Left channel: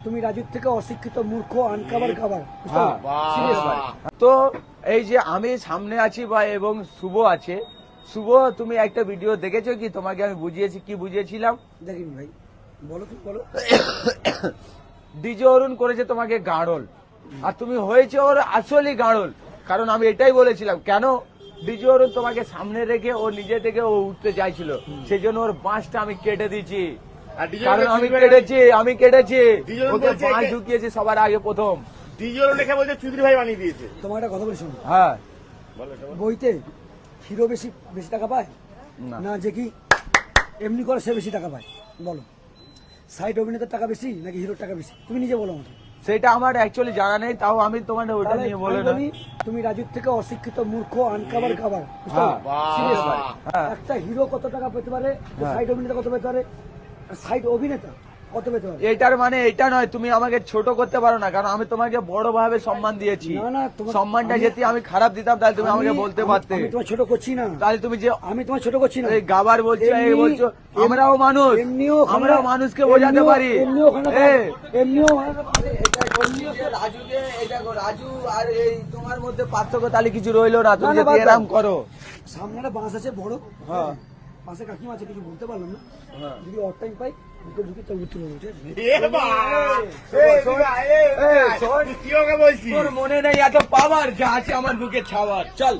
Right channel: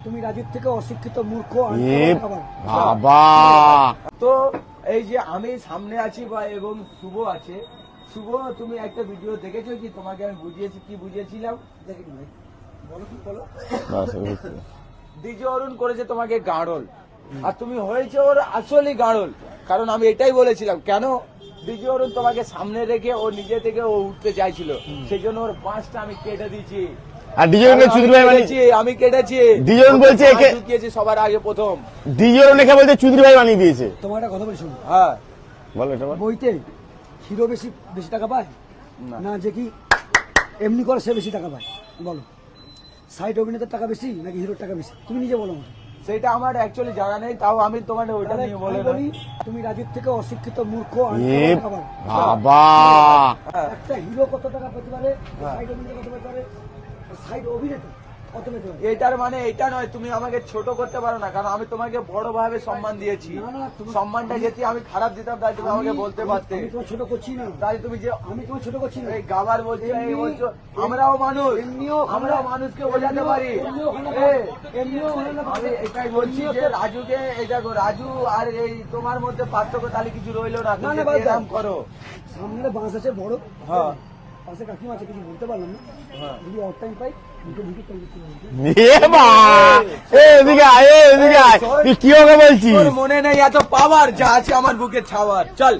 তুমি রাজুর থেকে অশিক্ষিত মূর্খ তো এই যে আমি সামনে আছি বা এবং শুভ আছে। শুভ, তুমি একটা ভিডিও দেখেছো কি? তোমাকে আমি বুঝিয়েছি, কি বুঝিয়েছিলাম? দেখিনি ভাই, বলো কি বলো। ডিজে অরুণ করেছে তোমাকে গাড়ল, আর তুমি হয়েছে ওর আসলি গাড়ল। কারণ আমি এটাই বলেছিলাম, কেন ডিজে অরুণ তোমাকে সামনে রেখে ও নিজে থেকে ও উঠতে চাইছিল, সেই জন্য ওর বাঁশটা আমি কেটে দিচ্ছি। আর আমি কেটেছি। ডিজন বলছে ঢুকিয়েছি সবার আগে প্রথম। ডিজন লেখা বলছে চৌধুরী ভাই বানিয়ে দিয়েছে। তোমার একটা কথা বলি শোনো। হ্যাঁ বলো এটা বলো। বইতে হিরো বেশি বেশি টাকা পায় না যে কি এমনি করে সে বেশি টাকা পায়? বলো, সাইড অভিনেতার টাকা বেশি নাকি হিরোর টাকা বেশি? তুমি নিজে বলো আমাকে। সেটা আমার অ্যাকচুয়ালি জানা নেই, তাও আমি তোমার ওটা তাহলে নিয়ে বলে আমি বলি, তুমি রাজুর থেকে অশিক্ষিত মূর্খ বাবা একটা হিরো কত টাকা পেতে পারে, সাইড অভিনেতা কত পেতে পারে, সাইড অভিনেতা কত পেতে পারে? এটার মানে এটা নয় তুমি আমাকে ছোট করতে পারো না, কারণ আমি তোমাকে বড় ভাবে সম্মান দিয়েছি। না, না, তোমার- সম্মানটা যদি আমি খারাপ দিতাম তাহলে তুমি আমাকে বলতে পারতে। আমি তোমার ছোট করছি না, তাহলে তুমি যে আমি তোমার ছোট করছি না। এই গাবার বলছো, এই এমনি- বলছো, আমরাও মানুষ, এমনিও আমরাও মানুষকে বোঝাতে পারি। এমনিও আমি এটাই বলছি যে রাজুকে, এটা রাজু আর এই তোমার মধ্যে পার্থক্য তাহলে কিছু রইলো না, তুমি যদি এরকম করো। সামনে বাস আছে বড়, হ্যাঁ। পাশে কাকিমা আছে, কিছু বলতে পারলাম না। হ্যাঁ। যদি অট টাইম পাই দুটো ঢুকি তো বুঝতে পারবো। এদিকে আয়, এদিকে আয়। তুই কি হবে বলছিস? তোর মনে নেই এত পাওয়ার যা আছে আমার বুকে ছাওয়ার। চল।